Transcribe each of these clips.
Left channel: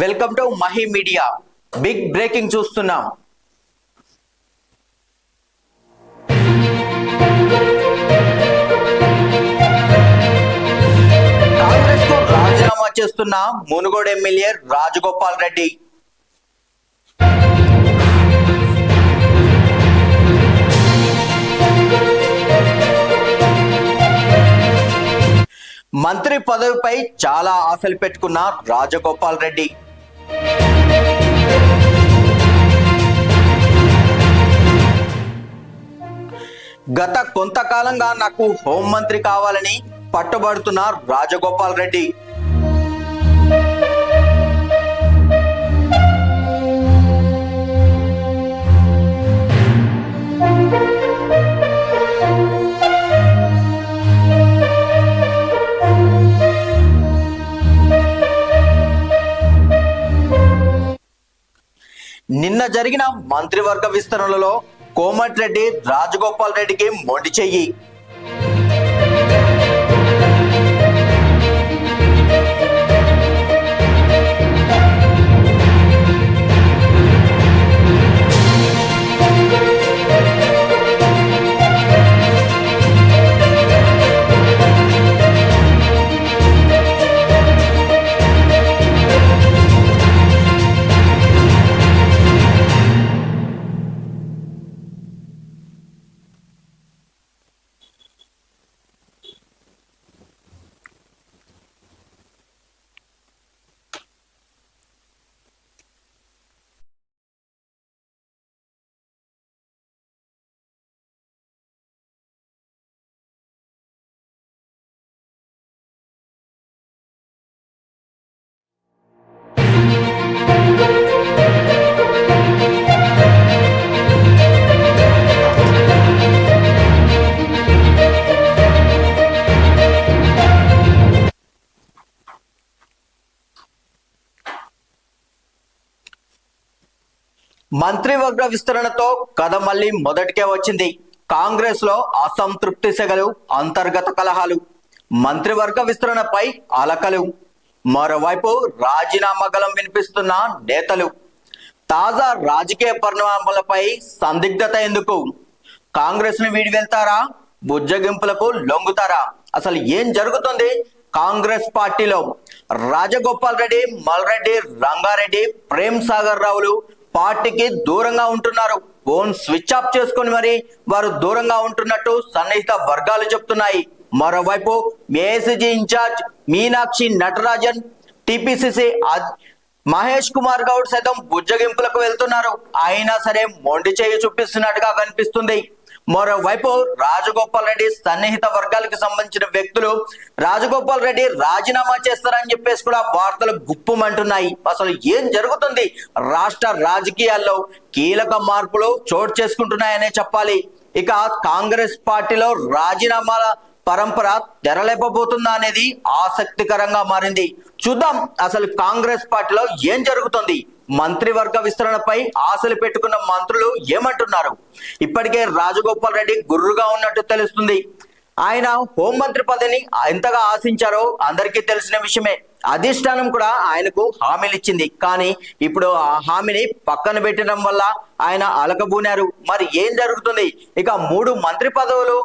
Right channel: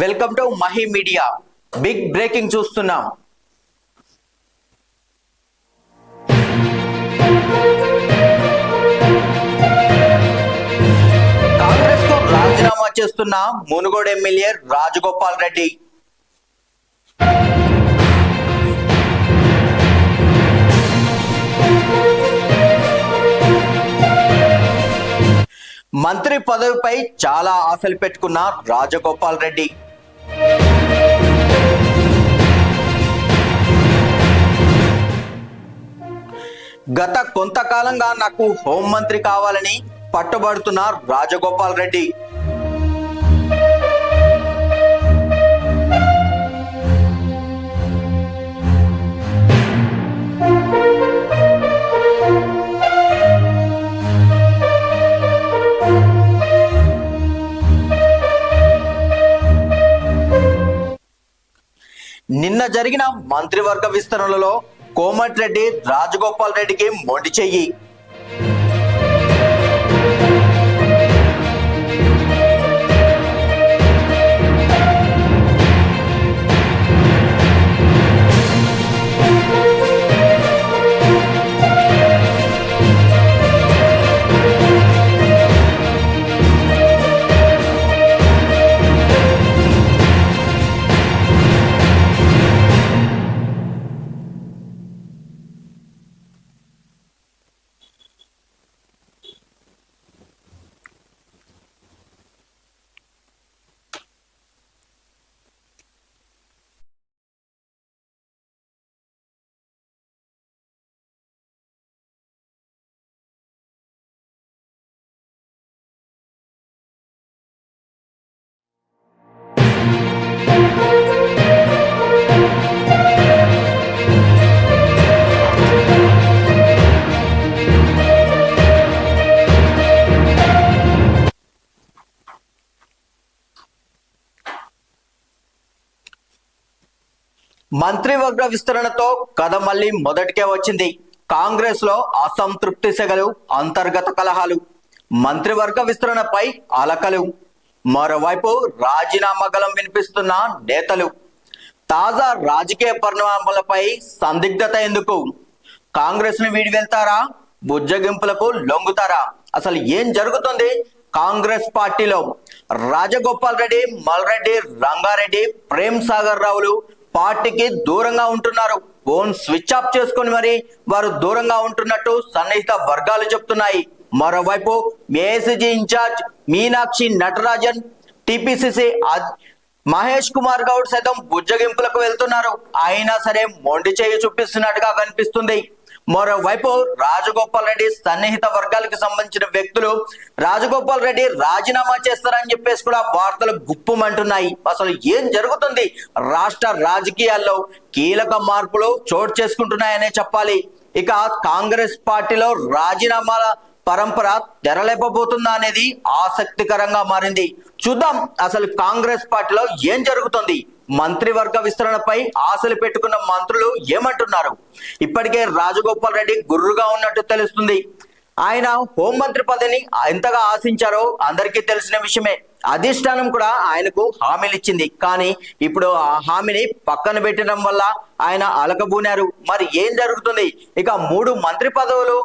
Welcome to Mahi media big breaking చూస్తున్నాం. కాంగ్రెస్కు రాజీనామా చేస్తున్న మునుగోడు ఎమ్మెల్యే రాజగోపాల్ రెడ్డి. మంత్రి పదవిపై చాలా ఆశలు పెట్టుకున్న రాజగోపాల్ రెడ్డి. గత కొంతకాలంగా నాకు హోంమంత్రి కావాలని పట్టుబడుతున్న రాజగోపాల్ రెడ్డి. నిన్న జరిగిన మంత్రివర్గ విస్తరణలో కోమటిరెడ్డి రాజగోపాల్ రెడ్డికి మొండి చెయ్యి. మంత్రివర్గ విస్తరణతో కథ మళ్ళీ మొదటికే వచ్చింది. కాంగ్రెస్లో అసంతృప్తి సెగలు అంతర్గత కలహాలు. మంత్రివర్గ విస్తరణపై అలకలు. మరోవైపు రాజీనామా గలం వినిపిస్తున్న నేతలు. తాజా రాజకీయ పరిణామాలపై సందిగ్ధత ఎందుకు? కాంగ్రెస్ను వీడి వెళ్తారా? బుజ్జగింపులకు లొంగుతారా? అసలు ఏం జరుగుతుంది కాంగ్రెస్ పార్టీలో? రాజగోపాల్ రెడ్డి మల్రెడ్డి రంగారెడ్డి ప్రేమ్ సాగర్ రావులు పార్టీకి దూరంగా ఉంటున్నారు. ఫోన్ స్విచ్ ఆఫ్ చేసుకొని మరి వారు దూరంగా ఉంటున్నట్టు సన్నిహిత వర్గాలు చెప్తున్నాయి. మరోవైపు AICC incharge Meenakshi Natarajan TPCC Mahesh Kumar Goud సైతం బుజ్జగింపులకు వెళ్తున్నారు. అయినా సరే మొండి చేయి చూపిస్తున్నట్టుగా కనిపిస్తుంది. మరోవైపు రాజగోపాల్ రెడ్డి సన్నిహిత వర్గాలకు సంబంధించిన వ్యక్తులు రాజగోపాల్ రెడ్డి రాజీనామా చేస్తారని చెప్పేసి కూడా వార్తలు గుప్పుమంటున్నాయి. అసలు ఏం జరుగుతుంది? రాష్ట్ర రాజకీయాల్లో కీలక మార్పులు చోటు చేసుకుంటున్నాయనే చెప్పాలి. ఇక కాంగ్రెస్ పార్టీలో రాజీనామాల పరంపర తెరలేపబోతుందా అనేది ఆసక్తికరంగా మారింది. చూద్దాం అసలు కాంగ్రెస్ పార్టీలో ఏం జరుగుతుంది? మంత్రివర్గ విస్తరణపై ఆశలు పెట్టుకున్న మంత్రులు ఏమంటున్నారు? ఇప్పటికే రాజగోపాల్ రెడ్డి గుర్రుగా ఉన్నట్టు తెలుస్తుంది. ఆయన హోంమంత్రి పదవిని ఎంతగా ఆశించారో అందరికీ తెలిసిన విషయమే. అధిష్టానం కూడా ఆయనకు హామీలు ఇచ్చింది కానీ ఇప్పుడు ఆ హామీని పక్కన పెట్టడం వల్ల ఆయన అలకబూనారు. మరి ఏం జరుగుతుంది? ఇక మూడు మంత్రి పదవులు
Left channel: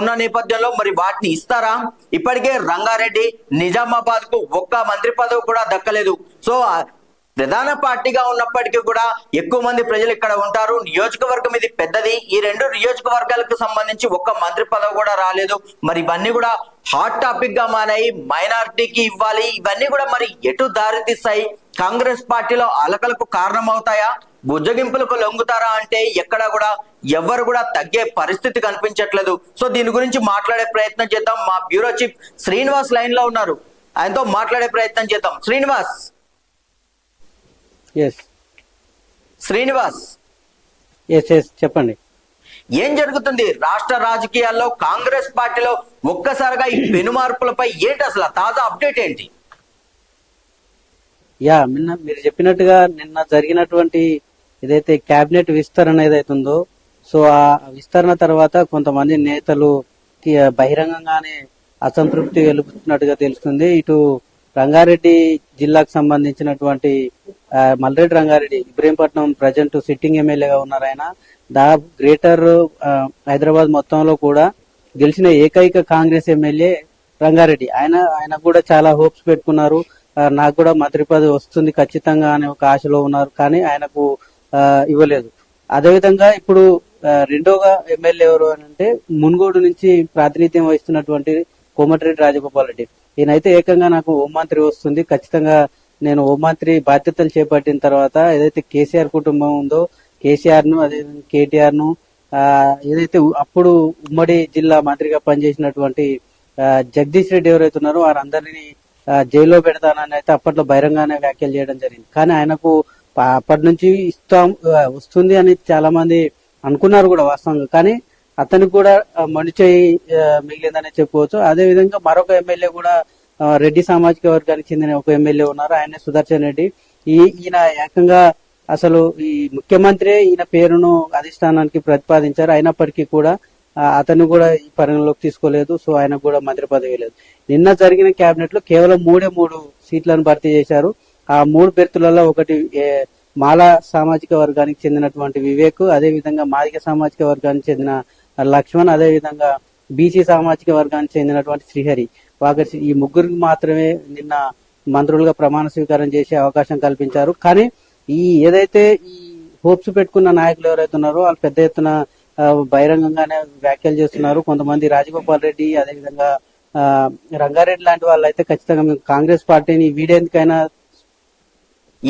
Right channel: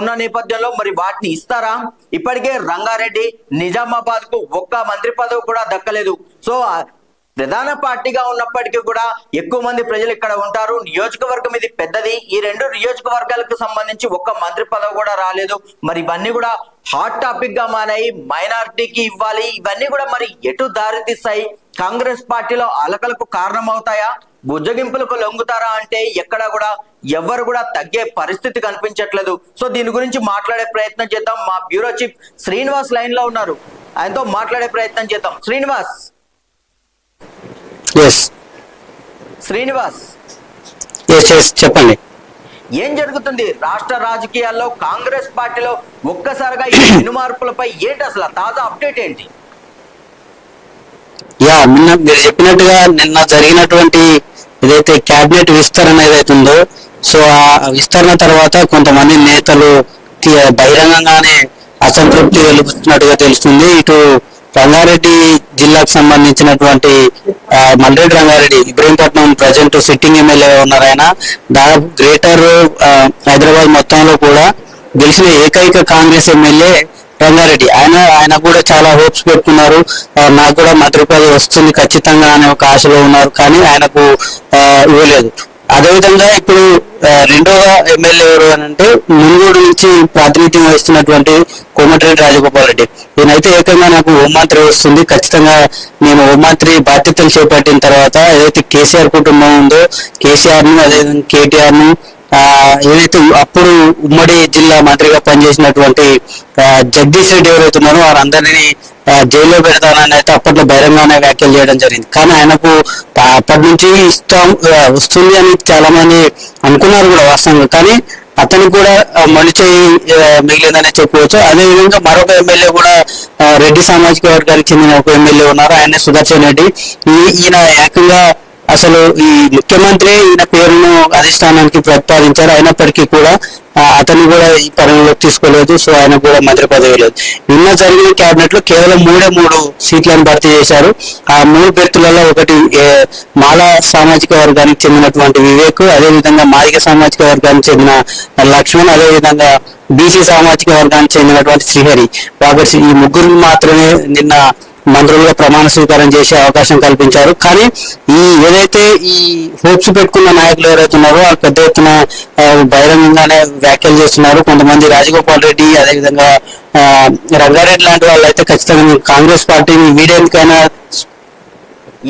ఉన్న నేపథ్యంలో మరి వాటిని ఇస్తారా? ఇప్పటికే రంగారెడ్డి నిజామాబాద్కు ఒక్క మంత్రి పదవి కూడా దక్కలేదు. సో ప్రధాన పార్టీగా ఉన్నప్పటికీ కూడా ఎక్కువ మంది ప్రజలు ఇక్కడ ఉంటారు. నియోజకవర్గం ఇది పెద్దది. ఈ రెండు నియోజకవర్గాలకు సంబంధించి ఒక్క మంత్రి పదవి కూడా రాలేదు. మరి ఇవన్నీ కూడా హాట్ టాపిక్గా మారాయి. మైనారిటీకి ఇవ్వాలి. ఇవన్నీ కూడా మరి ఎటు దారి తీస్తాయి కాంగ్రెస్ పార్టీలో అలకలకు కారణం అవుతాయా బుజ్జగింపులకు లొంగుతారా అంటే ఎక్కడ కూడా ఎవ్వరు కూడా తగ్గే పరిస్థితి కనిపించట్లేదు. సో దీని గురించి మాట్లాడే ప్రయత్నం చేద్దాం. మా బ్యూరో చీఫ్ శ్రీనివాస్ లైన్లో ఉన్నారు. ఆయనతో మాట్లాడే ప్రయత్నం చేద్దాం. Srinivas. S Srinivas. Yes yes చెప్పండి. ఏం జరుగుతుంది? రాష్ట్ర రాజకీయాల్లో కాంగ్రెస్ పార్టీలో ఒక్కసారిగా ఈ పెను మార్పులపై ఏంటి అసలు తాజా అప్డేట్ ఏంటి? యా నిన్న మీరు చెప్పినట్టుగా నిన్న జరిగినటువంటి ఏదైతే క్యాబినెట్ విస్తరణ ఏదైతే ఉందో సో ఆ విస్తరణ తర్వాత కొంతమంది నేతలు బహిరంగంగానే అసంతృప్తి వెలుపుతున్నట్టుగా తెలుస్తుంది. ఇటు రంగారెడ్డి జిల్లాకు సంబంధించినటువంటి ఆ, Malreddy Rangareddy Ibrahimpatnam present sitting MLA ఉన్నారు ఆయన. దాదాపు గ్రేటర్ హైదరాబాద్ మొత్తంలో కూడా గెలిచిన ఏకైక కాంగ్రెస్ ఎమ్మెల్యే రంగారెడ్డి. ఆయన ఆయన కూడా చాలా హోప్స్ పెట్టుకున్నారు. నాకు కూడా మంత్రి వస్తుంది ఖచ్చితంగా అనే ఒక ఆశలో ఉన్నారు. కానీ ఆయనకు ఇవ్వలేదు. అదేవిధంగా ఇప్పుడు రెండవ ఎమ్మెల్యే ఎవరు అని అంటే మునుగోడు నుంచి ప్రాతినిధ్యం వహిస్తున్నటువంటి కోమటిరెడ్డి రాజగోపాల్ రెడ్డి. ఈయనైతే ఏకంగా నాకు హోంమంత్రి వస్తుంది. ఖచ్చితంగా నేను హోంమంత్రి బాధ్యతలు చేపట్టిన తర్వాత ఏదైతే కేసీఆర్ కుటుంబం ఉందో కేసీఆర్ను అదేవిధంగా కేటీఆర్ను ఏదైతే అప్పుడు ఉమ్మడి జిల్లా మంత్రిగా పనిచేసినటువంటి జగదీష్ రెడ్డి ఎవరైతున్నారో వారందరినీ జైల్లో పెడతానని అయితే అప్పట్లో బహిరంగానే వ్యాఖ్యలు చేయడం జరిగింది. కానీ ఆయనకు అప్పటి నుంచి ఇష్టం వస్తుంది అని చాలా మంది అనుకున్నారు కూడా వాస్తవంగా. కానీ అతనికి కూడా ఆ, మొండి చేయి మిగిలిందనే చెప్పుకోవచ్చు. అదే విధంగా మరొక ఎమ్మెల్యే కూడా రెడ్డి సామాజిక వర్గానికి చెందిన ఒక ఎమ్మెల్యే ఉన్నారు. ఆయన సుదర్శన్ రెడ్డి. ఈ- ఈయన ఏకంగా అసలు ఈ ముఖ్యమంత్రి ఈయన పేరును అధిష్టానానికి ప్రతిపాదించారు. అయినప్పటికీ కూడా అతన్ని కూడా ఈ పరిగణలోకి తీసుకోలేదు. సో ఆయన కూడా మంత్రి పదవి లేదు. నిన్న జరిగిన కేబినెట్లో కేవలం మూడే మూడు సీట్లను భర్తీ చేశారు. ఆ మూడు బెర్తులలో ఒకటి మాలా మాల సామాజిక వర్గానికి చెందినటువంటి వివేక్ అదేవిధంగా మాదిక సామాజిక వర్గానికి చెందిన లక్ష్మణ్ అదేవిధంగా బీసీ సామాజిక వర్గానికి చెందినటువంటి శ్రీహరి. కాబట్టి ఈ ముగ్గురు మాత్రమే నిన్న మంత్రులుగా ప్రమాణ స్వీకారం చేసే అవకాశం కల్పించారు. కానీ ఈ ఏదైతే ఈ హోప్స్ పెట్టుకున్న నాయకులు ఎవరైతే ఉన్నారో వాళ్ళు పెద్ద ఎత్తున బహిరంగంగానే వ్యాఖ్యలు చేస్తున్నారు. కొంతమంది రాజగోపాల్ రెడ్డి అదేవిధంగా రంగారెడ్డి లాంటి వాళ్ళు అయితే ఖచ్చితంగా కాంగ్రెస్ పార్టీని వీడేందుకైనా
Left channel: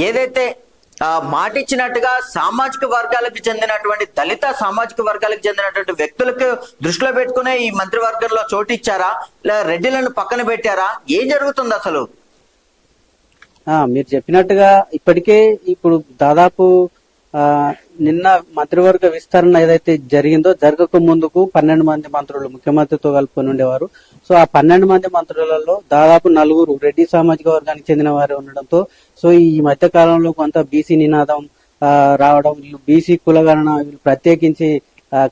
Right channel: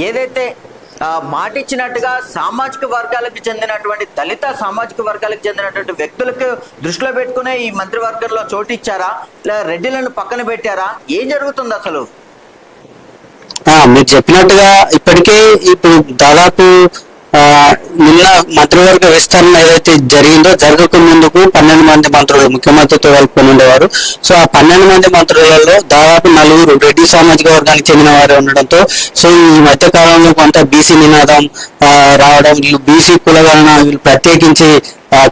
ఏదైతే మాటిచ్చినట్టుగా మాట ఇచ్చినట్టుగా సామాజిక వర్గాలకు చెందినటువంటి దళిత సామాజిక వర్గాలకు చెందినటువంటి వ్యక్తులకు దృష్టిలో పెట్టుకునే ఈ మంత్రివర్గంలో చోటు ఇచ్చారా? రెడ్డిలను పక్కన పెట్టారా? ఏం జరుగుతుంది అసలు? మీరు చెప్పినట్టుగా ఇప్పటికే ఇప్పుడు దాదాపు నిన్న మంత్రివర్గ విస్తరణ ఏదైతే జరిగిందో జరగక ముందుకు పన్నెండు మంది మంత్రులు ముఖ్యమంత్రితో కలుపుకొని ఉండేవారు. సో ఆ పన్నెండు మంది మంత్రులలో దాదాపు నలుగురు రెడ్డి సామాజిక వర్గానికి చెందిన వారు ఉండడంతో సో ఈ మధ్య కాలంలో కొంత బీసీ నినాదం రావడం వీళ్ళు బీసీ కులగణన వీళ్ళు ప్రత్యేకించి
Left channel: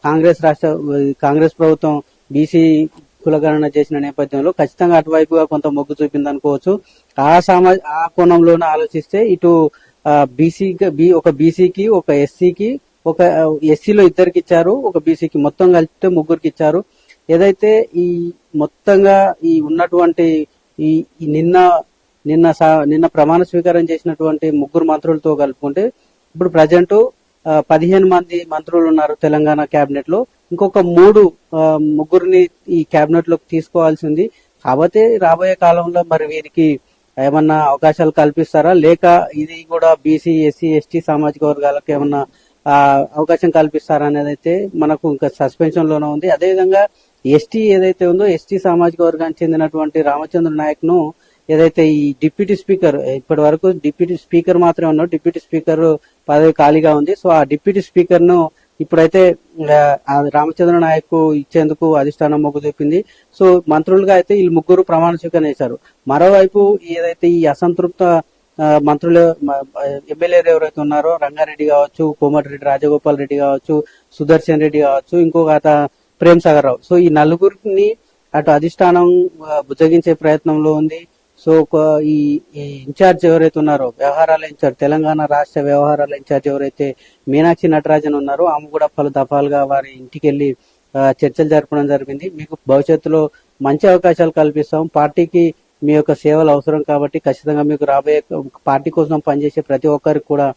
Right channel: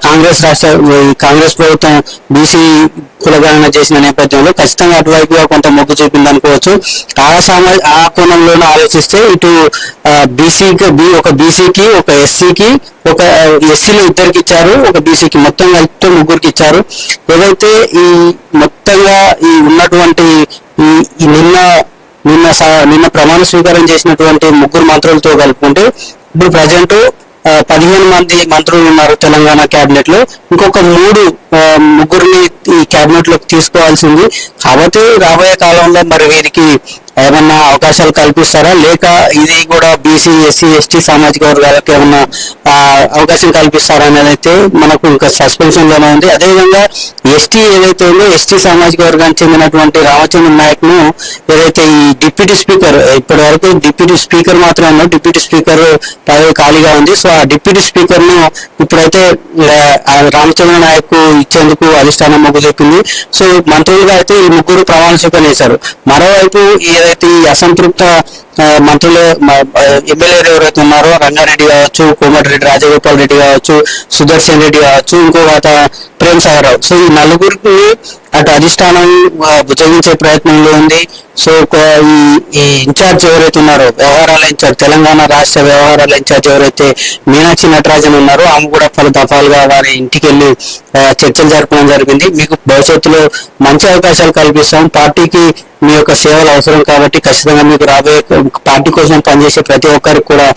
కాంగ్రెస్ రాష్ట్ర ఈ కాంగ్రెస్ ప్రభుత్వం బీసీ కులగణన చేసిన నేపథ్యంలో ఖచ్చితంగా అటువైపుగా కొంత మొగ్గు చూపింది అనుకోవచ్చు. ఆ సమా ఆ కోణంలోనే ఆలోచిస్తే ఇటు బీసీకి బీ ఒక బీసీకి ఒక ఎస్సీకి ఒక ఎస్సీలో ఇద్దరికి ఇచ్చారు ఒక బీసీకి మొత్తం కలిపితే ముగ్గురికి ఇచ్చారు. ఏదైతే ఈ మొత్తంగా ఈ ఉన్నటువంటి ఈ నిన్న నిన్న నిన్న ప్రమాణ స్వీకారం చేసినటువంటి ముగ్గురు మంత్రులతో కలుపుకుంటే ఇప్పుడు ప్రజెంట్ పదిహేను మంది మంత్రులు ఉన్నారు తెలంగాణ కేబినెట్లో. ఇంకొక మూడు ఆ, ముగ్గురిని ఈ కేబినెట్లోకి తీసుకోవాల్సింది. కాబట్టి రాబోయే కాలంలో మరి వీరికి ఏమన్నా అవకాశాలు కల్పిస్తారా? లేక ఇది కూడా బీసీ ఎస్సీ ఎస్టీ సామాజిక వర్గాలకు ఏమన్నా అవకాశం కల్పిస్తారా అనేది అయితే మనకు ఇంకా సస్పెన్షన్లోనే ఉంది. అదేవిధంగా ఎస్టీ ఏదైతే ఉందో ఎస్టీ సామాజిక వర్గానికి చెందినటువంటి రామచంద్ర నాయక్ను ఏదైతే ఈ డిప్యూటీ స్పీకర్ ఇప్పటి వరకు డిప్యూటీ స్పీకర్ మాత్రమే ఉన్నారు. డిప్యూటీ స్పీకర్ పదవి ఖాళీగా ఉంది. సో ఆ డిప్యూటీ స్పీకర్ను ఇప్పుడైతే రామచంద్ర నాయక్ ఇచ్చేందుకు అధిష్టానం మొగ్గు చెప్పింది సో మంత్రులుగా అయితే ఈ ముగ్గురు ప్రమాణ స్వీకారం చేశారు. మరోవైపు ఏదైతే ఈ అసంతృప్త మంత్రులు ఎమ్మెల్యేలు ఎవరైతే ఉన్నారో రంగారెడ్డి కావచ్చు కోమటిరెడ్డి రాజగోపాల్ రెడ్డి కావచ్చు సుదర్శన్ రెడ్డి కావచ్చు ఇంకొక ప్రేమ్ సాగర్ రావు. సో ఈ నలుగురికి అటు అధిష్టానం భుజగించే ప్రయత్నంలో ఉంది. సో ఈ ఈ ఇన్ఛార్జ్ ఎవరైతే ఉన్నారో వ్యవహారాల ఇన్ఛార్జ్ తెలంగాణ రాష్ట్ర వ్యవహారాల ఇన్ఛార్జ్ ఎవరైతే మీనాక్షి నటరాజన్ ఉన్నారో ఆమె కూడా పలు దఫాలుగా వారి ఇంటికి వెళ్ళి చర్చలు జరపడం జరిగింది. మీకు భవిష్యత్తులో మంచి అవకాశాలు కల్పిస్తాం. పార్టీకి మీ యొక్క సేవలు అవసరం కాబట్టి ఖచ్చితంగా మీకు రాబోయే పార్టీ కోసం పనిచేసే ప్రతి ఒక్కరికి కూడా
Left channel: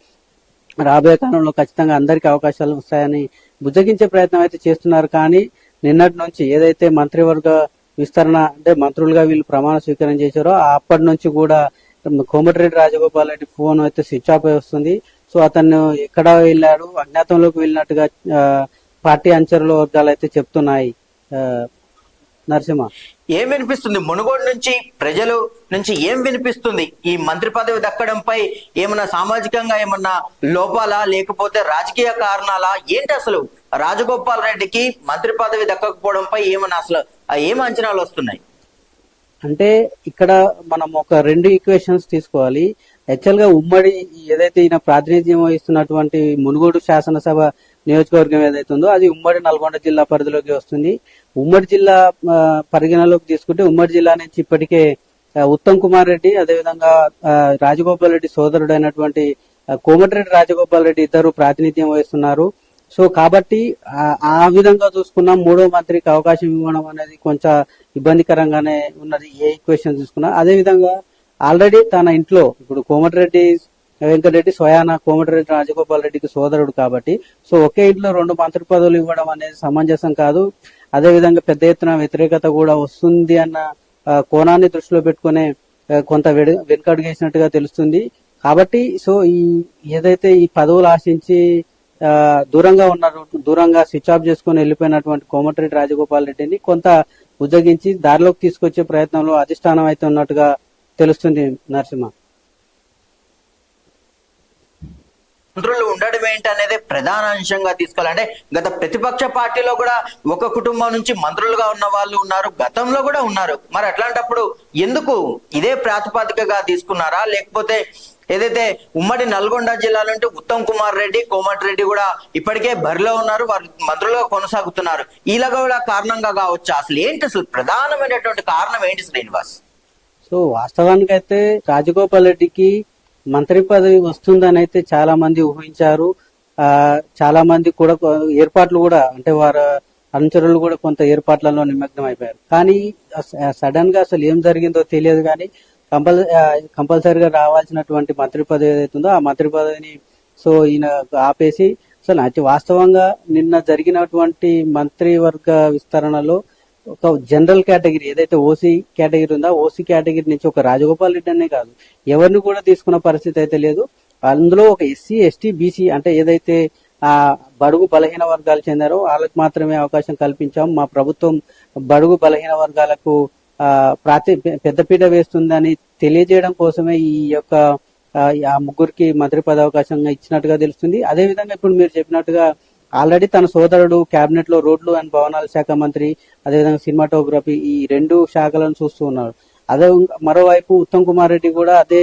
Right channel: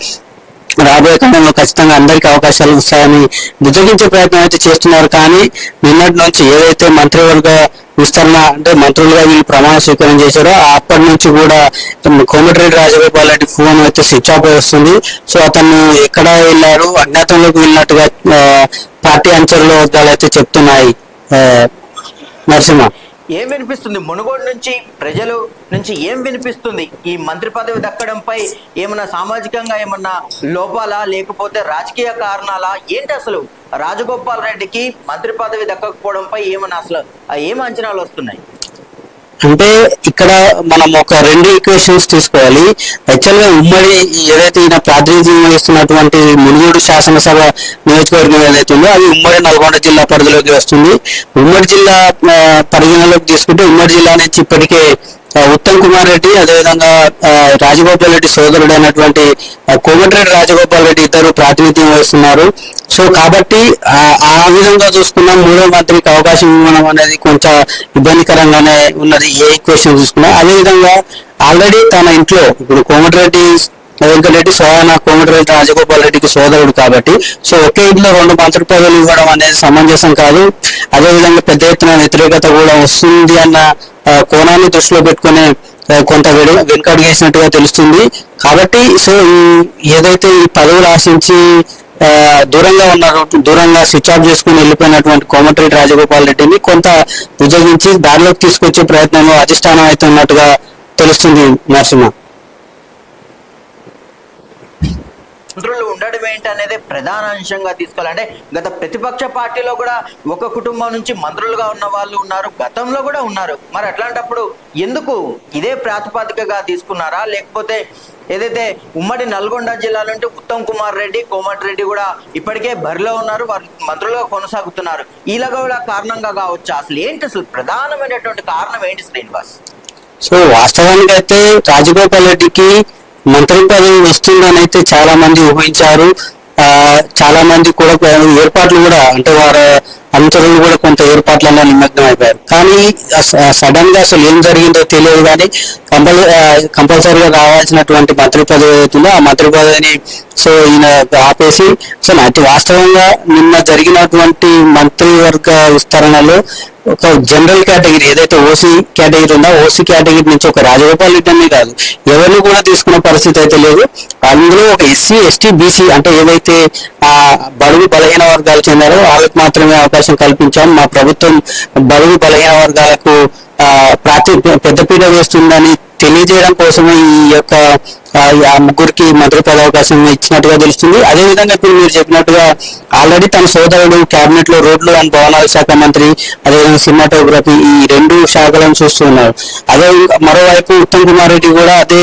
రాబోయే కాలంలో ఖచ్చితంగా అందరికీ అవకాశాలు వస్తాయని బుజ్జగించే ప్రయత్నం అయితే చేస్తున్నారు. కానీ నిన్నటి నుంచి ఏదైతే మంత్రివర్గ విస్తరణ అంటే మంత్రులుగా వీళ్ళు ప్రమాణ స్వీకారం చేశారో అప్పటి నుంచి కూడా కోమటిరెడ్డి రాజగోపాల్ రెడ్డి ఫోన్ అయితే స్విచ్ ఆఫ్ వస్తుంది. సో అతను ఎక్కడ వెళ్ళారు అజ్ఞాతంలోకి వెళ్ళినట్టుగా పార్టీ అంచర్ల వర్గాలు అయితే చెప్తున్నాయి. నరసింహ. ఏం వినిపిస్తుంది? మునుగోడు నుంచి ప్రజలు నుంచి ఏం వినిపిస్తుంది? ఈ మంత్రి పదవి దక్కడంపై ఏమన్నా సామాజికంగా ఏమన్నా లోపాలా? లేకపోతే రాజకీయ కారణాలా? ఏంటి అసలు? రాజగోపాల్ రెడ్డికి మంత్రి పదవి దక్కకపోవడంపై ఏమన్నా అసలు ఏం అంచనాలు వస్తున్నాయి? అంటే ఇక్కడ మనం ఒక రెండు ఈక్వేషన్స్ తీసుకోవాలి. యాక్చువల్గా ఉమ్మడి ఏదైతే ఈయన ప్రాతినిధ్యం వహిస్తున్నటువంటి మునుగోడు శాసనసభ నియోజకవర్గం ఏదైతే ఉందో అది ఉమ్మడి నల్గొండ జిల్లా పరిధిలోకి వస్తుంది. ఉమ్మడి జిల్లా పరిగణలోకి తీసుకుంటే ఉమ్మడి జిల్లా నుంచి ఇప్పటికే ఉత్తమ్ కుమార్ రెడ్డి అదేవిధంగా రాజగోపాల్ రెడ్డి సోదరుడు అయినటువంటి కోమటిరెడ్డి రాజగోపాల్ రెడ్డి ఇద్దరు ప్రాతినిధ్యం వహిస్తున్నారు. సో కాబట్టి ఆ విధంగా చూసుకున్నా మూడో మంత్రికి అవకాశం ఇవ్వడం అనేది కొంచెం ఇబ్బందికరంగానే ఉన్నది ఏ క్వశ్చన్ చూసుకున్నా. అదేవిధంగా ఆల్రెడీ తన ఇంట్లో ఇప్పుడు కోమటిరెడ్డి వెంకటరెడ్డి సోయాన కోమటిరెడ్డి రాజగోపాల్ రెడ్డికి సోదరుడు కాబట్టి సో ఒకే ఇంట్లో రెండు మంత్రి పదవులు ఇవ్వడం అనేది సమంజసం కాదు. అదేవిధంగా పెద్ద ఎత్తున వ్యతిరేకత కూడా వస్తుంది అన్న కోణాన్ని దృష్టిలో పెట్టుకుని కొంత వెడు- వెనుకడుగేసినట్టుగా తెలుస్తుంది. కాబట్టి సో ఈ ఏదైతే ఈ పదవులు ఆశించి దూరంగా ఉన్నారు దూరంగా స్విచ్ ఆఫ్ చేసుకుని వెళ్ళిపోయినటువంటి కోమటిరెడ్డి రాజగోపాల్ రెడ్డిని కొంత బుజ్జగించి దారిలోకి తీసుకొచ్చే ప్రయత్నంలో అధిష్టానం అయితే ఉన్నట్టుగా తెలుస్తుంది నరసింహ. మంత్రులు ఉండడం ఏంటి అనేది ప్రధాన అంశంగా తీసుకోవాలంటే గత ప్రతిపక్ష పార్టీలో కూడా ఒక కుటుంబం నుంచి మంత్రులుగా ఉన్న వాళ్ళు ఉన్నారు గతంలో కూడా ఉన్నారు. మరి అట్లాంటప్పుడు ఎందుకు ఇదే ప్రాతిపదికగా తీసుకున్నారా? లేకపోతే ఏదైతే ఉమ్మడి నల్గొండ జిల్లా నుండి ఉత్తమ్ కుమార్ రెడ్డి కోమటిరెడ్డి కూడా ఇప్పటికే బరిలో ఉన్నారు వారు మంత్రులుగా కొనసాగుతున్నారు. ఇలా కూడా కారణంగా కావచ్చు? అసలు ఏంటి అసలు ప్రధానమైనటువంటి కారణం ఏంటి శ్రీనివాస్? సో వాస్తవానికి అయితే రాజగోపాల్ రెడ్డికి మంత్రి పదవి వస్తుందని అయితే చాలా మంది ఊహించారు. ఆ చాలా మంది కూడా ఏర్పాట్లు కూడా అంటే వారు అనుచరులు కూడా కొంత ఏర్పాట్లలో నిమగ్నం అయిపోయారు. కానీ సడన్గా అసలు ఏం జరిగిందో తెలియదు కానీ కంపల్ కంపల్సరీగా రావాల్సినటువంటి మంత్రి పదవి అవుతుందో ఆ మంత్రి పదవిని సో ఈయన ఆపేసి సో అతి వాస్తవంగా నిన్న జరిగినటువంటి మంత్రివర్గ విస్తరణలో ఒక జనరల్ కేటగిరీ ఏదైతే ఓసీ కేటగిరీ ఉందో ఓసీ కేటగిరీ నుంచి ఒక రాజగోపాల్ రెడ్డి అనే కాదు. ఎవరిని కూడా తీసుకున్న పరిస్థితి అయితే లేదు. అందులో ఒక ఎస్సీ ఎస్టీ బీసీ అంటే ఏవైతే ఆ బడుగు బలహీన వర్గాలు చెందారో వాళ్ళకి మాత్రమే అవకాశం కల్పించాం. మా ప్రభుత్వం బడుగు బలహీన వర్గాలకు ఆ ప్రాతి పెద్దపీట వేస్తుందని తెలియజేయడం కోసమే ఈ యొక్క ఆ, ముగ్గురికి మంత్రి పదవి అవకాశం ఇచ్చినట్టుగా తెలుస్తుంది. అదే విధంగా ఇప్పుడు మీరు చెప్పినట్టుగా ఆల్రెడీ తన సోదరుడు కేబినెట్లో రోడ్లు అండ్ భవనాల శాఖ మంత్రి అదేవిధంగా సినిమాటోగ్రఫీ ఈ రెండు శాఖలను చూస్తున్నారు అదే మరోవైపు ఉత్తమ్ కుమార్ రెడ్డి కూడా అదే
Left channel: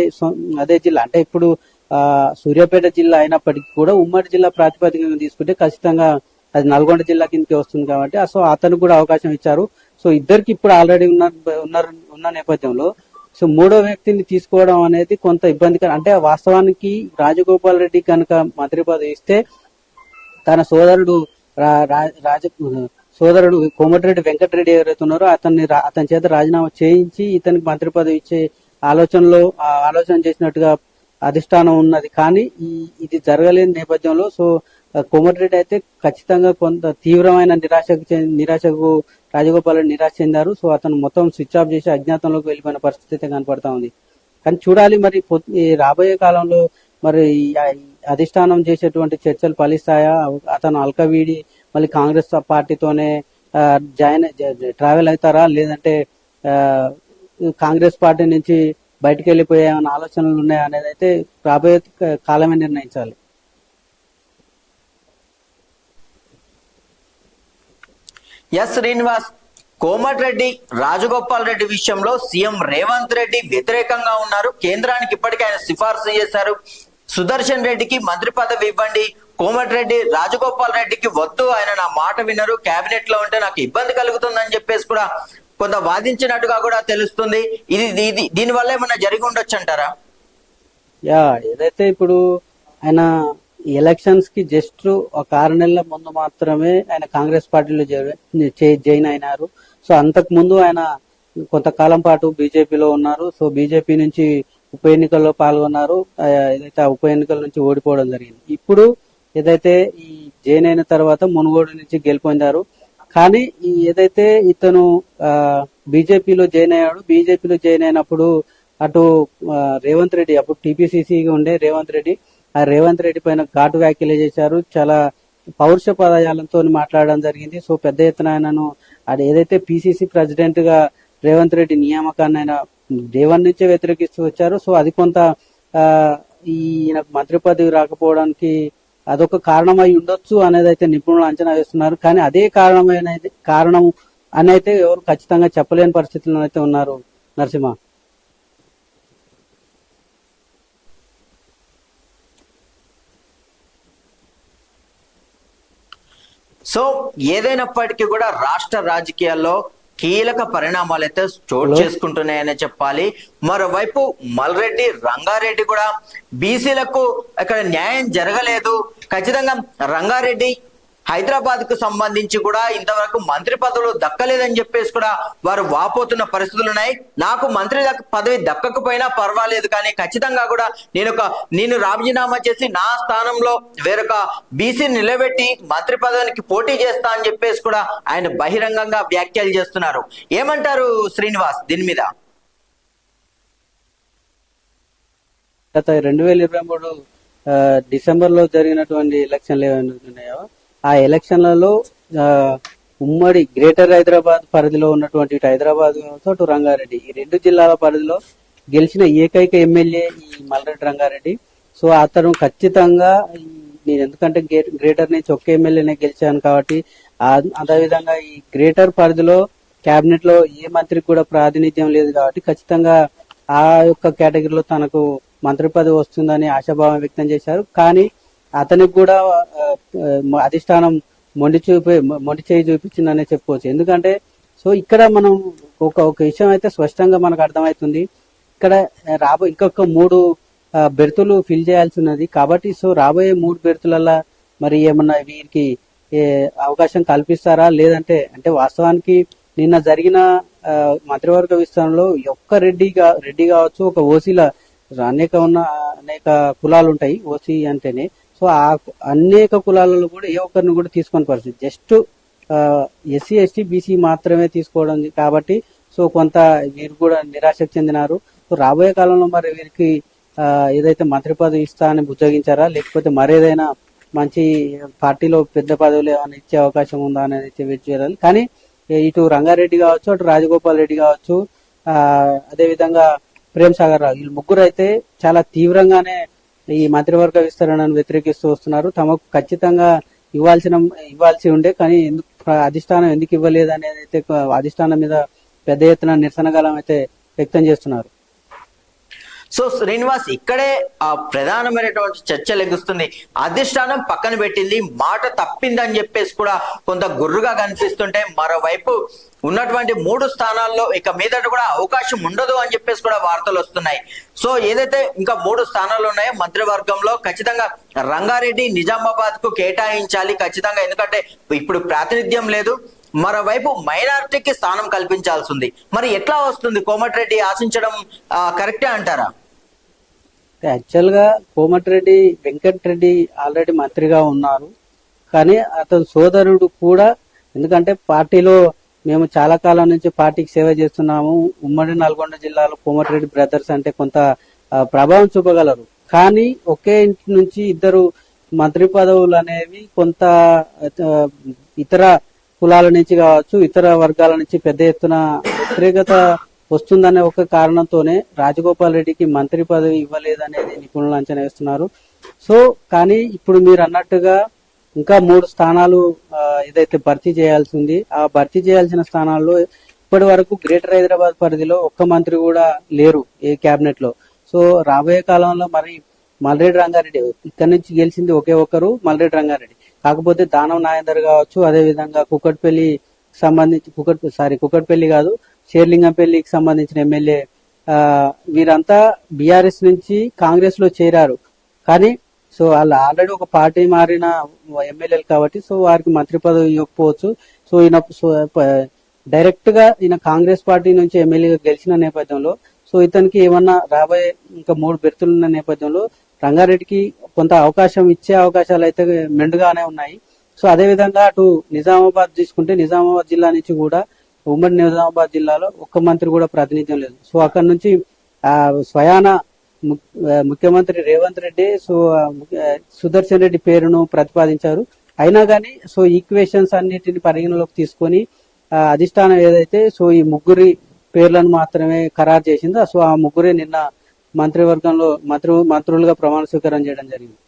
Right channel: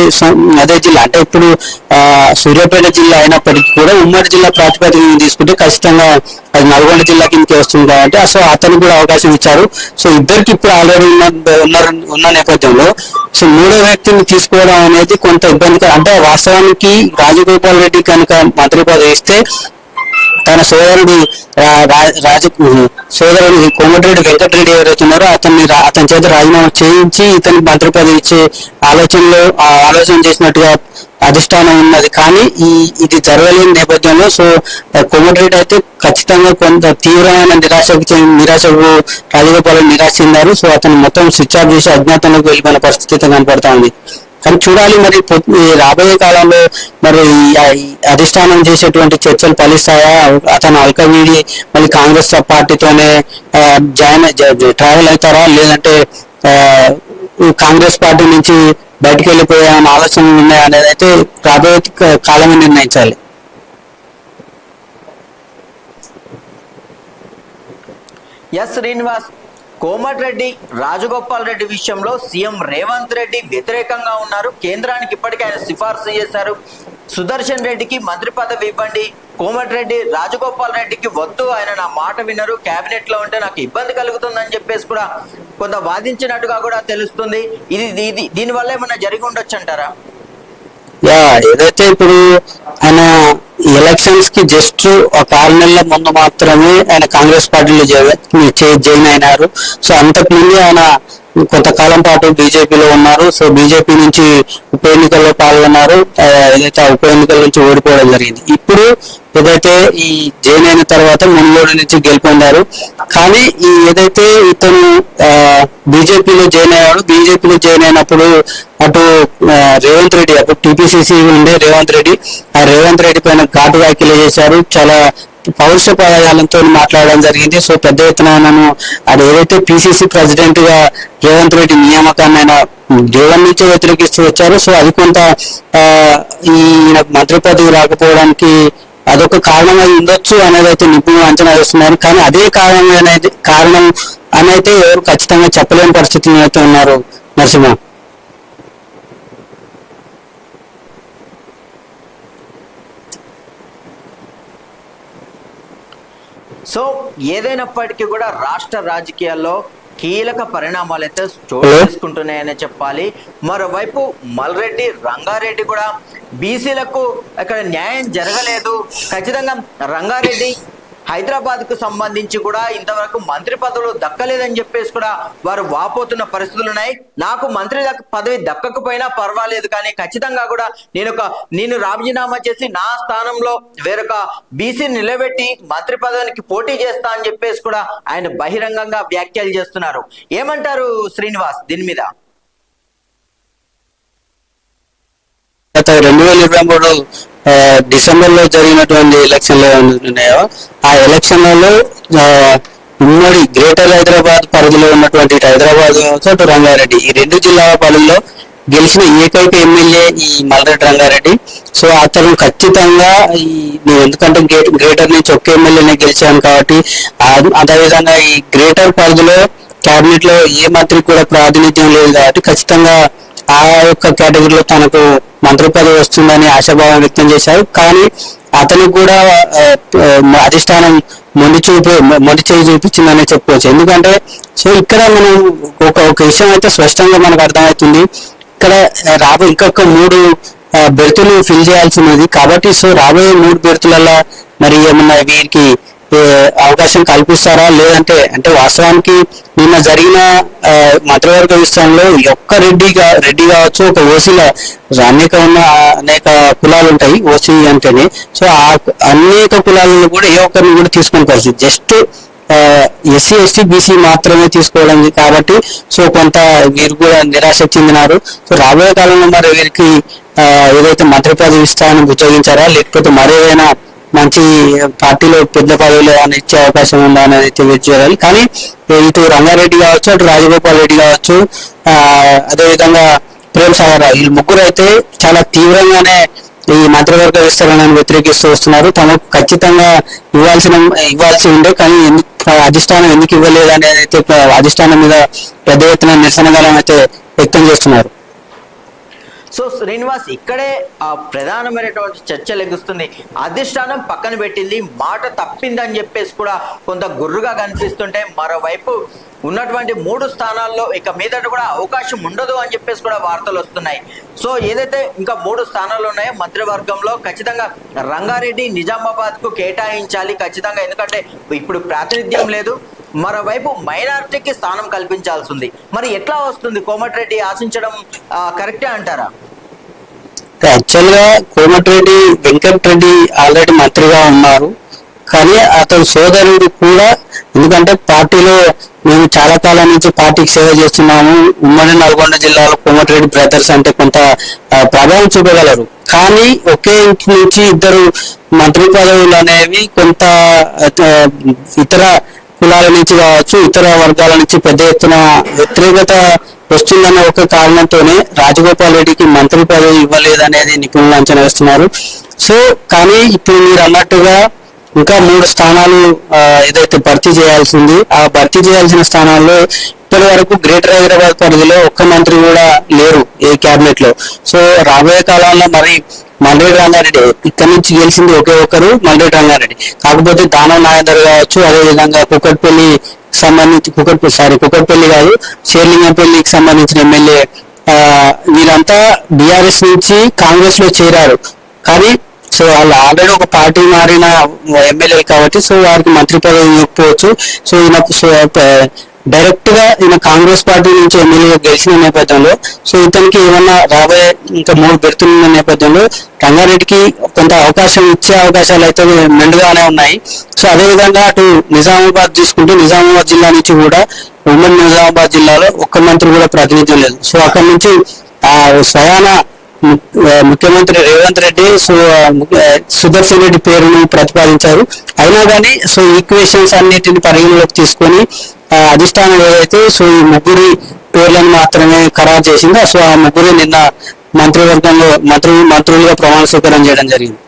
అదే జిల్లా అంటే ఇప్పుడు ఆ, సూర్యాపేట జిల్లా అయినప్పటికీ కూడా ఉమ్మడి జిల్లా ప్రాతిపదికన తీసుకుంటే ఖచ్చితంగా అది నల్గొండ జిల్లా కిందకి వస్తుంది కాబట్టి సో అతనికి కూడా అవకాశం ఇచ్చారు. సో ఇద్దరికి ఇప్పుడు ఆల్రెడీ ఉన్న ఉన్నారు ఉన్న నేపథ్యంలో సో మూడో వ్యక్తిని తీసుకోవడం అనేది కొంత ఇబ్బందికరం అంటే వాస్తవానికి రాజగోపాల్ రెడ్డి కనుక మంత్రి పదవి ఇస్తే తన సోదరుడు రా- రాజ సోదరుడు కోమటిరెడ్డి వెంకటరెడ్డి ఎవరైతే ఉన్నారో అతన్ని అతని చేత రాజీనామా చేయించి ఇతని మంత్రి పదవి ఇచ్చే ఆలోచనలో ఆ ఆలోచన చేసినట్టుగా అధిష్టానం ఉన్నది. కానీ ఈ ఇది జరగలేని నేపథ్యంలో సో కోమటిరెడ్డి అయితే ఖచ్చితంగా కొంత తీవ్రమైన నిరాశకు నిరాశకు రాజగోపాల్ నిరాశ చెందారు. సో అతను మొత్తం స్విచ్ ఆఫ్ చేసి అజ్ఞాతంలోకి వెళ్ళిపోయిన పరిస్థితి కనపడతా ఉంది. కానీ చూడాలి మరి రాబోయే కాలంలో మరి ఈ- అధిష్టానం చేసేటువంటి చర్చలు ఫలిస్తాయా? అతను అల్కవీడి మళ్ళీ కాంగ్రెస్ పార్టీతోనే జాయిన్ ట్రావెల్ అవుతారా? లేదంటే కాంగ్రెస్ పార్టీ నుంచి బయటకు వెళ్ళిపోయే ఆలోచనలు ఉన్నాయా అనేది అయితే రాబోయే కాలమే నిర్ణయించాలి. ఎస్ శ్రీనివాస్ కోమటిరెడ్డి రాజగోపాల్ రెడ్డి విషయంలో సీఎం రేవంత్ రెడ్డి వ్యతిరేకంగా ఉన్నారు. కేంద్రానికి ఇప్పటికే ఆయన సిఫార్సు చేశారు. సుదర్శన్ రెడ్డికి మంత్రి పదవి ఇవ్వండి. కోమటిరెడ్డి రాజగోపాల్ రెడ్డికి వద్దు ఆయన నా మాట వినరు. కేబినెట్లో ఉంటే నాకు ఇబ్బంది కలుగుతుందని చెప్పేసి కూడా కొంత వాదించినట్టుగా కూడా తెలుస్తుంది. ఇది ఇది దీనివల్ల ఏమన్నా జరిగి ఉండొచ్చు అంటారా? యా ఏదైతే ఇప్పుడు ఆయన ఎలక్షన్స్కి జస్ట్ ఒక ఆరు నెలల ముందు మాత్రమే ఆయన కాంగ్రెస్ పార్టీలో జాయిన్ అయినారు. సో అంతకు ముందు ఆయన కొంతకాలం పాటు బీజేపీలో ఉన్నారు. సో బీజేపీ నుంచి ఉప ఎన్నికల్లో పాల్గొన్నారు. ఏదైతే ఆ ఉప ఎన్నికల నుంచి ఓడిపోవడం జరిగింది. ఇప్పుడు ఏదైతే ఈ జైన్ అయిన తర్వాత మునుగోడు నుంచి గెలుపొందారు. కానీ ఈ ఏదైతే ఇతను బీజేపీలో జాయిన్ అయ్యాడు బీజేపీలో జాయిన్ అయినప్పుడు అటు రేవంత్ రెడ్డి అప్పుడు టీపీసీసీ ఉండే రేవంత్ రెడ్డి ఆ రేవంత్ రెడ్డి పైన ఘాటు వ్యాఖ్యలు చేశారు. చాలా పౌరుష పదజాలంతో మాట్లాడడం జరిగింది. సో పెద్ద ఎత్తున ఆయనను అది ఏదైతే పిసిసి ప్రెసిడెంట్గా రేవంత్ రెడ్డి నియామకాన్ని ఆయన జగన్ నుంచి వ్యతిరేకిస్తూ వచ్చారు సో అది కొంత ఈయన ఈ మంత్రి పదవి రాకపోవడానికి అదొక కారణం అయి ఉండొచ్చు అనేది అయితే నిపుణులు అంచనా వేస్తున్నారు. కానీ అదే కారణం అనేది కారణం అని అయితే ఎవరు ఖచ్చితంగా చెప్పలేని పరిస్థితుల్లో అయితే ఉన్నారు నరసింహ. సో ఏదైనప్పటికీ కూడా రాష్ట్ర రాజకీయాల్లో కీలక పరిణామాలు అయితే చోటు? చేసుకుంటున్నాయని చెప్పాలి మరోవైపు మల్రెడ్డి రంగారెడ్డి కూడా బీసీలకు ఇక్కడ న్యాయం జరగలేదు ఖచ్చితంగా రంగారెడ్డి హైదరాబాద్కు సంబంధించి కూడా ఇంతవరకు మంత్రి పదవులు దక్కలేదని చెప్పేసి కూడా వారు వాపోతున్న పరిస్థితులు ఉన్నాయి. నాకు మంత్రి పదవి దక్కకపోయినా పర్వాలేదు కానీ ఖచ్చితంగా కూడా నేను ఒక నేను రాజీనామా చేసి నా స్థానంలో వేరొక బీసీ నిలబెట్టి మంత్రి పదవికి పోటీ చేస్తా అని చెప్పేసి కూడా ఆయన బహిరంగంగా వ్యాఖ్యలు చేస్తున్నారు. ఏమంటారు శ్రీనివాస్ దీని మీద? గత రెండు వేల ఇరవై మూడు డిసెంబర్లో జరిగినటువంటి ఎలక్షన్లు ఉన్నాయో ఆ ఎలక్షన్లలో ఉమ్మడి గ్రేటర్ హైదరాబాద్ పరిధిలో ఉన్నటువంటి హైదరాబాద్ అటు రంగారెడ్డి ఈ రెండు జిల్లాల పరిధిలో గెలిచిన ఏకైక ఎమ్మెల్యే ఈ మల్రెడ్డి రంగారెడ్డి. సో అతను ఖచ్చితంగా ఈ నేను ఎందుకంటే గ్రేట్ గ్రేటర్ నుంచి ఒక్క ఎమ్మెల్యేనే గెలిచాను కాబట్టి అదేవిధంగా ఈ గ్రేటర్ పరిధిలో క్యాబినెట్లో ఏ మంత్రికి కూడా ప్రాతినిధ్యం లేదు కాబట్టి ఖచ్చితంగా ఆ యొక్క కేటగిరీలో తనకు మంత్రి పదవి వస్తుందని ఆశాభావం వ్యక్తం చేశారు. కానీ అతనికి కూడా అధిష్టానం మొండి చూపు మొండి చేయి చూపించిందనే చెప్పుకోవచ్చు. ఎందుకంటే సో ఇక్కడ మనం ఒక ఒక విషయం అయితే స్పష్టంగా మనకు అర్థమవుతుంది. ఇక్కడ రాబో రాబోయే ఇంకొక మూడు బెర్తులు ఫిల్ చేయాల్సి ఉన్నది. కాబట్టి సో రాబోయే మూడు బెర్తులలో మరి ఏమన్నా వీరికి అవకాశం కల్పిస్తారా? లేదంటే అంటే వాస్తవానికి నిన్న జరిగిన మంత్రివర్గ విషయంలో ఒక్క రెడ్డి రెడ్డి కావచ్చు ఒక ఓసీల అనేక ఉన్న అనేక కులాలు ఉంటాయి ఓసీ అంటేనే. సో ఆ అనేక కులాలను కూడా ఏ ఒక్కరిని కూడా తీసుకునే పరిస్థితి జస్ట్ ఎస్సీ ఎస్టీ బీసీ మాత్రమే తీసుకోవడం కాబట్టి సో కొంత వీరు కూడా నిరాశ చెందినారు. సో రాబోయే కాలంలో మరి వీరికి ఏదైతే మంత్రి పదవి ఇస్తారని ఉద్యోగించారా లేకపోతే మరేదైనా మంచి పార్టీలో పెద్ద పదవులు ఏమైనా ఇచ్చే అవకాశం ఉందా అనేది అయితే వెయిట్ చేయాలి కానీ ఇటు రంగారెడ్డి కావచ్చు అటు రాజగోపాల్ రెడ్డి కావచ్చు అదేవిధంగా ప్రేమ్ సాగర్ రావు వీళ్ళు ముగ్గురు అయితే చాలా తీవ్రంగానే ఈ మంత్రివర్గ విస్తరణను వ్యతిరేకిస్తూ వస్తున్నారు. తమకు ఖచ్చితంగా ఇవ్వాల్సిన ఇవ్వాల్సి ఉండే కానీ ఎందుకు అధిష్టానం ఎందుకు ఇవ్వలేదు అనేది అయితే అధిష్టానం మీద పెద్ద ఎత్తున నిరసన అయితే వ్యక్తం చేస్తున్నారు. సో శ్రీనివాస్ ఇక్కడే ఆ ప్రధానమైనటువంటి చర్చ లెగుస్తుంది అధిష్టానం పక్కన పెట్టింది. మాట తప్పిందని చెప్పేసి కూడా కొంత గుర్రుగా కనిపిస్తుంటే మరోవైపు ఉన్నటువంటి మూడు స్థానాల్లో ఇక మీదట కూడా అవకాశం ఉండదు అని చెప్పేసి కూడా వార్తలు వస్తున్నాయి. సో ఏదైతే ఇంకా మూడు స్థానాలు ఉన్నాయో మంత్రివర్గంలో ఖచ్చితంగా రంగారెడ్డి నిజామాబాద్కు కేటాయించాలి ఖచ్చితంగా. ఎందుకంటే ఇప్పుడు ప్రాతినిధ్యం లేదు. మరోవైపు మైనారిటీకి స్థానం కల్పించాల్సి ఉంది. మరి ఎట్లా వస్తుంది? కోమటిరెడ్డి ఆశించడం కరెక్టే అంటారా? యాక్చువల్గా కోమటిరెడ్డి వెంకటరెడ్డి ఆల్రెడీ మంత్రిగా ఉన్నారు. కానీ అతని సోదరుడు కూడా ఎందుకంటే పార్టీలో మేము చాలా కాలం నుంచి పార్టీకి సేవ చేస్తున్నాము. ఉమ్మడి నల్గొండ జిల్లాలో కోమటిరెడ్డి బ్రదర్స్ అంటే కొంత ప్రభావం చూపగలరు. కానీ ఒకే ఇంటి నుంచి ఇద్దరు మంత్రి పదవులు అనేవి కొంత ఇతర కులాల నుంచి కావచ్చు ఇతర వర్గాల నుంచి పెద్ద ఎత్తున వ్యతిరేకత వస్తుందన్న ఒక కారణంతోనే రాజగోపాల్ రెడ్డికి మంత్రి పదవి ఇవ్వలేదనేది నిపుణులు అంచనా వేస్తున్నారు. సో కానీ ఇప్పుడు మీరు అన్నట్టుగా ఇంకా మూడు స్థానాలు ఏదైతే భర్తీ చేయాల్సింది ఆ భర్తీ చేయాల్సిన స్థానాల్లో ఇప్పటి వరకు గ్రేటర్ హైదరాబాద్ పరిధిలో ఒక్క మంత్రి కూడా లేరు ఏ క్యాబినెట్లో సో రాబోయే కాలంలో మరి మల్రెడ్డి రంగారెడ్డి ఇక్కడ నుంచి గెలిచింది ఒకే ఒక్కరు మల్రెడ్డి రంగారెడ్డి. కాకపోతే దానం నాగేందర్ కావచ్చు అదే విధంగా కుక్కట్పల్లి సంబంధించి కుక్కట్ సారీ కుక్కట్పల్లి కాదు షేర్లింగంపల్లికి సంబంధించిన ఎమ్మెల్యే వీరంతా బీఆర్ఎస్ నుంచి కాంగ్రెస్లో చేరారు. కానీ సో వాళ్ళు ఆల్రెడీ ఒక పార్టీ మారిన ఎమ్మెల్యేలు కాబట్టి సో వారికి మంత్రి పదవి ఇవ్వకపోవచ్చు. సో ఈయన సో డైరెక్ట్గా ఈయన కాంగ్రెస్ పార్టీ నుంచి ఎమ్మెల్యేగా గెలిచిన నేపథ్యంలో సో ఇతనికి ఏమన్నా రాబోయే ఇంకా మూడు పెడుతున్న నేపథ్యంలో రంగారెడ్డికి కొంత అవకాశం ఇచ్చే అవకాశాలు అయితే మెండుగానే ఉన్నాయి. సో అదే విధంగా అటు నిజామాబాద్ తీసుకుంటే నిజామాబాద్ జిల్లా నుంచి కూడా ఉమ్మడి నిజామాబాద్ జిల్లాలో ఒక్క మంత్రి కూడా ప్రాతినిధ్యం లేదు. సో అక్కడి నుంచి ఆ స్వయాన ముఖ్యమంత్రి రేవంత్ రెడ్డి సో సుదర్శన్ రెడ్డి పేరును ప్రతిపాదించారు. అయినా కానీ సో ఈక్వేషన్స్ అన్నిటిని పరిగణలోకి తీసుకొని అధిష్టానం ఏదైతే సో ఈ ముగ్గురి పేర్లను మాత్రమే ఖరారు చేసిందో సో ఆ ముగ్గురు నిన్న మంత్రివర్గంలో మంత్రి మంత్రులుగా ప్రమాణ స్వీకారం చేయడం జరిగింది.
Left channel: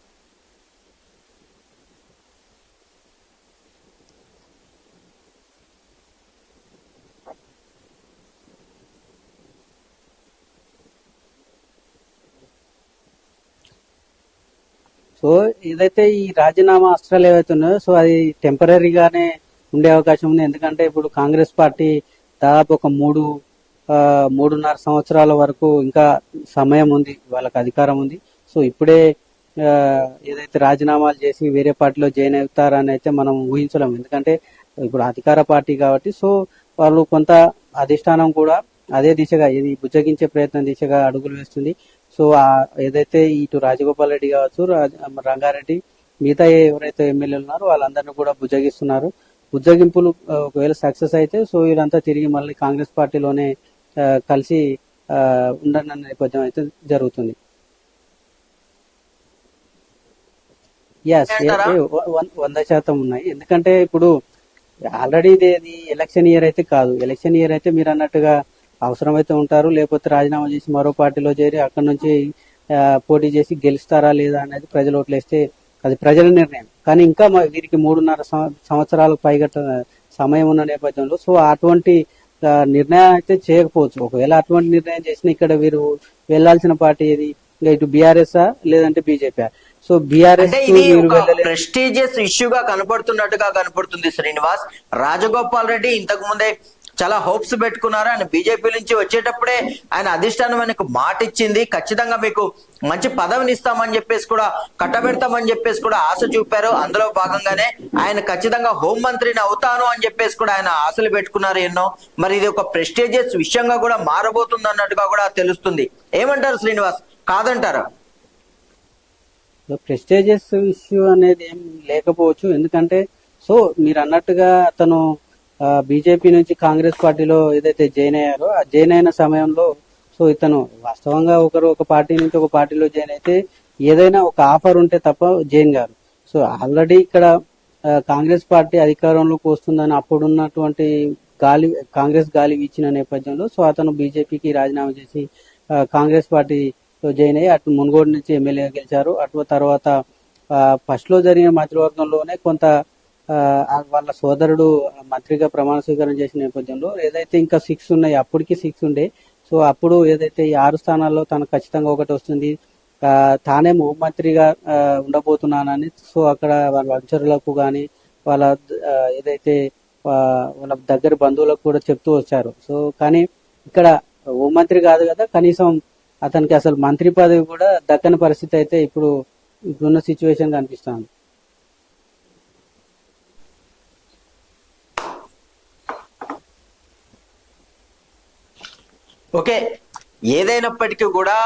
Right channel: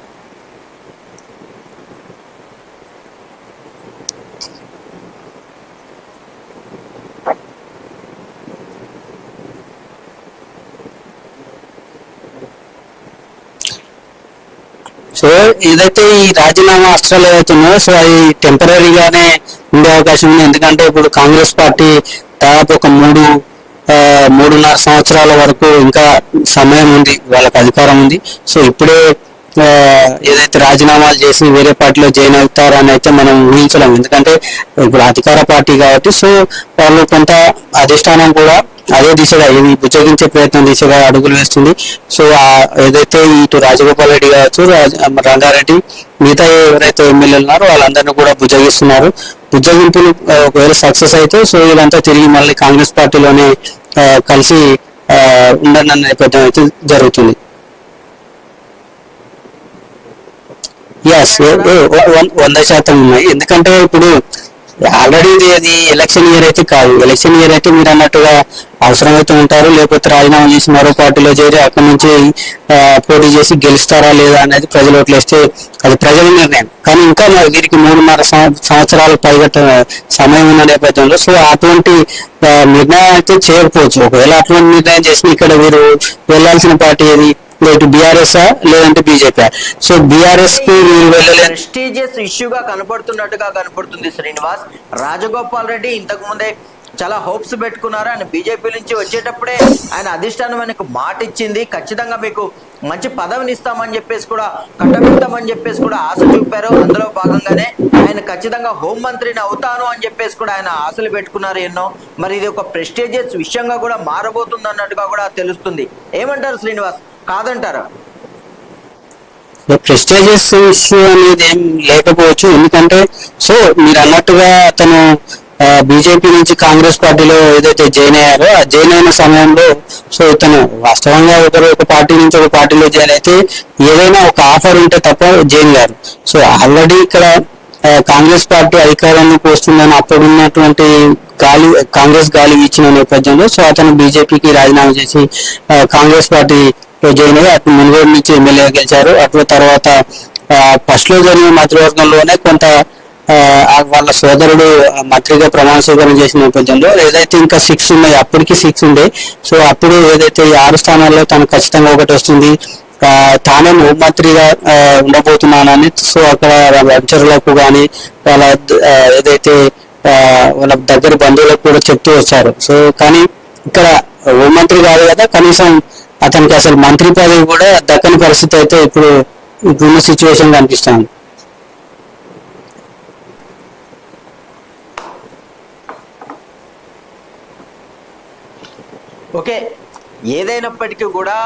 సో ఏదైతే ఈ రాజీనామా అస్త్రాలు ఏవైతే ఉన్నాయో సో అవి టెంపరీగానే ఉండే అవకాశం ఉంది. ఎందుకంటే ఇప్పుడు కాంగ్రెస్ పార్టీ దాదాపు ఒక మూడు మూడున్నర సంవత్సరాల వరకు ఇంకా సమయం ఉంది వాళ్ళకి అధికారం ఉంది. సో ఇప్పుడే ఏదైతే రాజీనామాలు చేసి వేరే పార్టీలో జాయిన్ అవుతారని అయితే మనం ఊహించలేము. ఎందుకంటే ఇప్పుడు అధికార పార్టీ కాబట్టి సో వాళ్ళు కొంత అధిష్టానం కూడా అదే దిశగా ఇది బుజ్జగించే ప్రయత్నం దిశగా అడుగులు వేస్తుంది. సో ఏదైతే ఇటు రాజగోపాల్ రెడ్డి కావచ్చు రాజ- రంగారెడ్డి మిగతా ఎవరైతే ఎమ్మెల్యేలు ఉన్నారో వాళ్ళందరినీ కూడా బుజ్జగిస్తున్నారు. బుజ్జగింపులు ఒకవేళ సక్సెస్ అయితే సో వీళ్ళంతా తిరిగి మళ్ళీ కాంగ్రెస్ పార్టీలోనే కలిసి ఆ, ఉండనన్న నేపథ్యం అయితే జరుగుతుంది. ఎస్ వంద శాతం ఉన్నాయి. ఎందుకంటే ఇప్పుడు ఆల్రెడీ ఇది అది ఎలక్షన్ ఇయర్ అయితే కాదు. ఎలక్షన్ ఇయర్ అయితే మీరు అన్నట్టుగా అవసరమైతే ఉంటారు. లేకపోతే రాజీనామా చేసి మరో పార్టీలో చేరి అక్కడి నుంచి పోటీ చేసి గెలుస్తారా లేదా అనేది ప్రజలు ఓట్లేస్తే అది ప్రజల నిర్ణయం. కానీ ఇంకా వీరికి మూడున్నర సంవ- సంవత్సరాల పైగా సమయం ఉన్న నేపథ్యంలో సో అటువంటి నిర్ణయం అయితే చేయకపోవచ్చు. ఒకవేళ అటువంటి నిర్ణయం చేసిన ఇక్కడ వీరు వెళ్ళాల్సిన పార్టీ ఏది? ఇటు బీఆర్ఎస్ లేదంటే బీజేపీ సో బీఆర్ఎస్కి ప్రెస్టీజియస్ ఇష్యూగా కనపడుతున్నట్టుగా కనపడుతుంది శ్రీనివాస్. రాజగోపాల్ రెడ్డి ఇంతకు ముందే చాలా హోప్స్ పెట్టుకున్నారు. ఆయన బీజేపీ నుంచి వచ్చేటప్పుడే ఆయన అధిష్టానం ఆయనకు మాట ఇచ్చింది. ఖచ్చితంగా మీకు మంచి పదవిని ఇస్తామని చెప్పేసి కూడా కట్టబెడతామని చెప్పేసి కూడా ఆశ చూపారు. అందులో భాగంగానే ఆయన ఖచ్చితంగా హోం మంత్రిని అవుతాను అని చెప్పేసి కూడా ఆయన ఆశలు పెట్టుకున్నారు ఎన్నో. మరి ఇది ఒక ప్రెస్టీజియస్ విషయంగా కూడా మారబోతుంది అన్నట్టుగా కూడా తెలుస్తుంది. ఏమంటారు శ్రీనివాస్? కాదంటారా. ప్రెస్టేజియస్ ఇష్యూ అనేది ఏం లేకపోవచ్చు. ఎందుకంటే సో మీరు అన్నట్టుగా అతను బీజేపీ నుంచి కాంగ్రెస్ పార్టీలో ఏదైతే జాయిన్ అయ్యారో ఆ జాయిన్ అయిన సమయంలో సో ఇతను వాస్తవంగా ఒకరు ఒక పార్టీ నుంచి ఒక పార్టీలో జాయిన్ అయితే ఏదైనా ఒక ఆఫర్ ఉంటే తప్ప జాయిన్ గారు సో ఆల్రెడీ ఇక్కడ కాంగ్రెస్ పార్టీ అధికారంలోకి వస్తుందని అప్పుడున్నటువంటి గాలి కాంగ్రెస్ గాలి ఇచ్చిన నేపథ్యంలో సో అతను బీజేపీకి రాజీనామా చేసి కాంగ్రెస్ పార్టీ జాయిన్ అయ్యి అటు మునుగోడు నుంచి ఎమ్మెల్యేగా గెలిచారు. అటు తర్వాత ఫస్ట్లో జరిగిన మంత్రివర్గంలోనే కొంత వాళ్ళ సోదరుడు మంత్రిగా ప్రమాణ స్వీకారం చేసిన నేపథ్యంలో ఏదైతే ఇంకా సిక్స్ ఉన్నాయి అప్పటికి సిక్స్ ఉండే. సో అప్పుడు ఏదైతే ఈ ఆరు స్థానాల్లో తను ఖచ్చితంగా ఒకటి వస్తుంది తానే హోంమంత్రిగా ఉండబోతున్నానని సో అక్కడ వాళ్ళ అనుచరులకు కానీ వాళ్ళ ఏదైతే వాళ్ళ దగ్గర బంధువులకు కూడా చెప్తూ వచ్చారు. సో కానీ ఇక్కడ హోంమంత్రి కాదు కదా కనీసం అతనికి అసలు మంత్రి పదవి కూడా దక్కని పరిస్థితి అయితే ఇప్పుడు ఇప్పుడున్న సిచ్యువేషన్ కనిపిస్తుంది ఓకే. ఏదైనప్పటికీ కూడా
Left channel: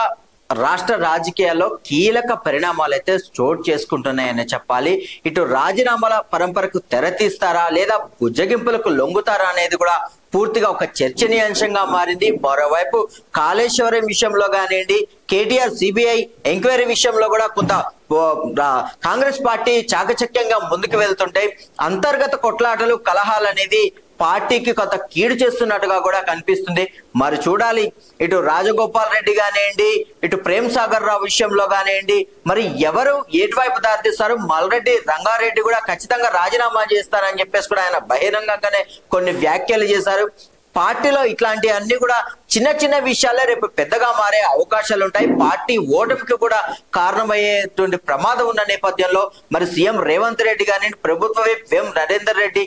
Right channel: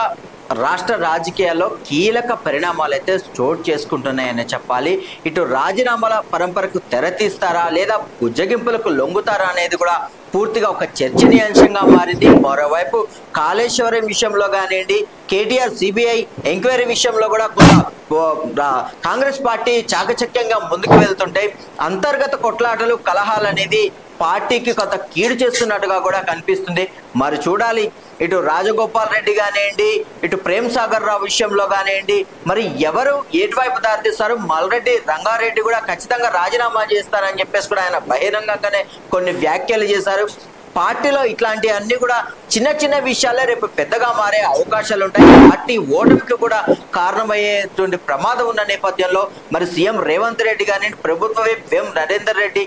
రాష్ట్ర రాజకీయాల్లో కీలక పరిణామాలు అయితే చోటు చేసుకుంటున్నాయని చెప్పాలి. ఇటు రాజీనామాల పరంపరకు తెరతీస్తారా లేదా బుజ్జగింపులకు లొంగుతారా అనేది కూడా పూర్తిగా ఒక చర్చనీయాంశంగా మారింది. మరోవైపు కాళేశ్వరం విషయంలో కానివ్వండి కేటీఆర్ సిబిఐ ఎంక్వైరీ విషయంలో కూడా కొంత కాంగ్రెస్ పార్టీ చాకచక్యంగా ముందుకు వెళ్తుంటే అంతర్గత కొట్లాటలు కలహాలు అనేది పార్టీకి కొంత కీడు చేస్తున్నట్టుగా కూడా కనిపిస్తుంది. మరి చూడాలి. ఇటు రాజగోపాల్ రెడ్డి కానివ్వండి ఇటు ప్రేమ్ సాగర్ రావు విషయంలో కానివ్వండి మరి ఎవరు ఎటువైపు దారితీస్తారు? మల్రెడ్డి రంగారెడ్డి కూడా ఖచ్చితంగా రాజీనామా చేస్తారని చెప్పేసి కూడా ఆయన బహిరంగంగానే కొన్ని వ్యాఖ్యలు చేశారు. పార్టీలో ఇట్లాంటి అన్ని కూడా చిన్న చిన్న విషయాలే రేపు పెద్దగా మారే అవకాశాలు ఉంటాయి. పార్టీ ఓటమికి కూడా కారణమయ్యేటువంటి ప్రమాదం ఉన్న నేపథ్యంలో మరి సీఎం రేవంత్ రెడ్డి కానీ ప్రభుత్వ విప్ వేం నరేందర్ రెడ్డి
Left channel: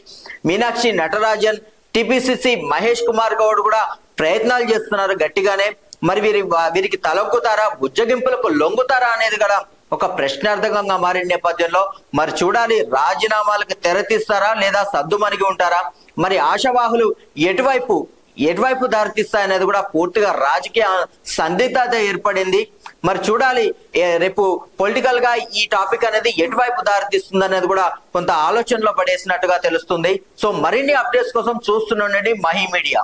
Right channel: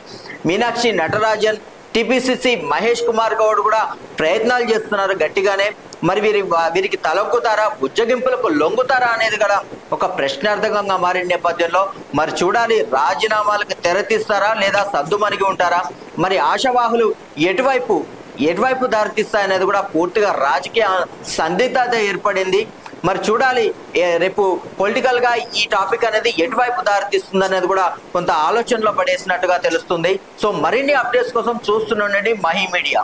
మీనాక్షి నటరాజన్ టిపిసిసి మహేష్ కుమార్ గౌడ్ కూడా ప్రయత్నాలు చేస్తున్నారు గట్టిగానే. మరి వీరి వీరికి తలొగ్గుతారా బుజ్జగింపులకు లొంగుతారా అనేది కూడా ఒక ప్రశ్నార్థకంగా మారిన నేపథ్యంలో మరి చూడాలి రాజీనామాలకు తెరతీస్తారా లేదా సద్దుమణిగి ఉంటారా? మరి ఆశావాహులు ఎటువైపు ఎటువైపు దారితీస్తాయనేది కూడా పూర్తిగా రాజకీయ సందిగ్ధత ఏర్పడింది. మరి చూడాలి రేపు పొలిటికల్గా ఈ టాపిక్ అనేది ఎటువైపు దారితీస్తుంది అనేది కూడా కొంత ఆలోచనలో పడేసినట్టుగా తెలుస్తుంది. సో మరిన్ని అప్డేట్స్ కోసం చూస్తుండండి మహీ మీడియా.